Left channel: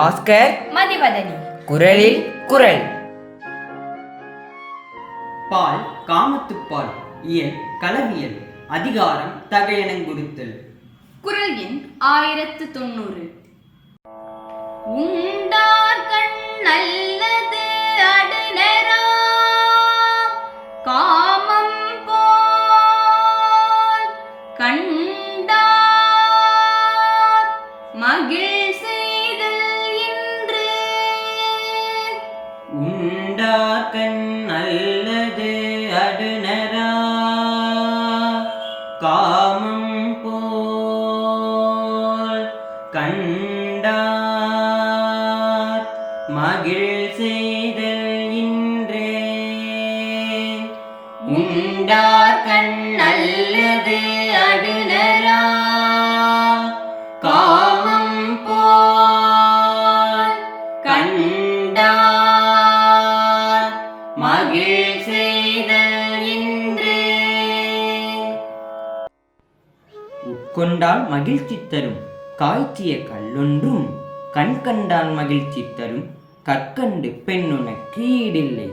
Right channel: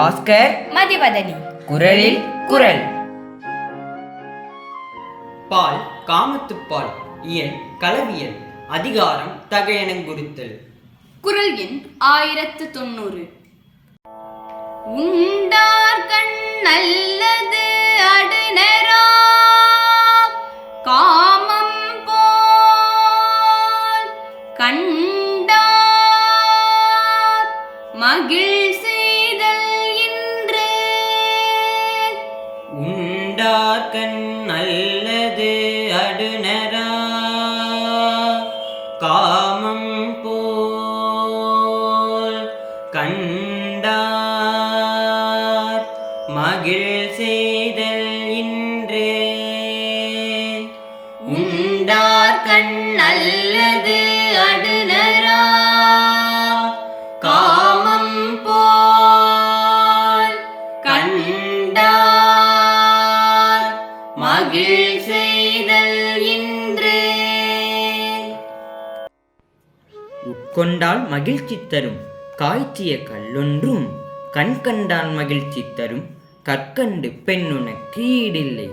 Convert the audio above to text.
பாஸ்கர் மதிவதனி. குரலில் குரல். பால் காமத்துப்பால் இயல் களவியல் அதிகாரம் தகையனங்குறுத்தல். குரல் எண் 1090. உண்டார்கண் நல்லது அடுநரா காமம் போல் கண்டார் மகிழ் செய்தல் இன்று. உண்டார்கண் நல்லது அடுநரா காமம் போல் கண்டார் மகிழ் செய்தல் இன்றே. உண்டார்கண் நல்லது அடுநரா காமம் போல் கண்டார் மகிழ் செய்தல் இன்று. உட்கொண்டால் மகிழ்ச்சி தரும் காய்ச்சிய கல்லொன்றும் கண் கண்டால் மகிழ்ச்சி தரும் கற்கண்டு பெண்ணுனக்கு ஈடில்லை.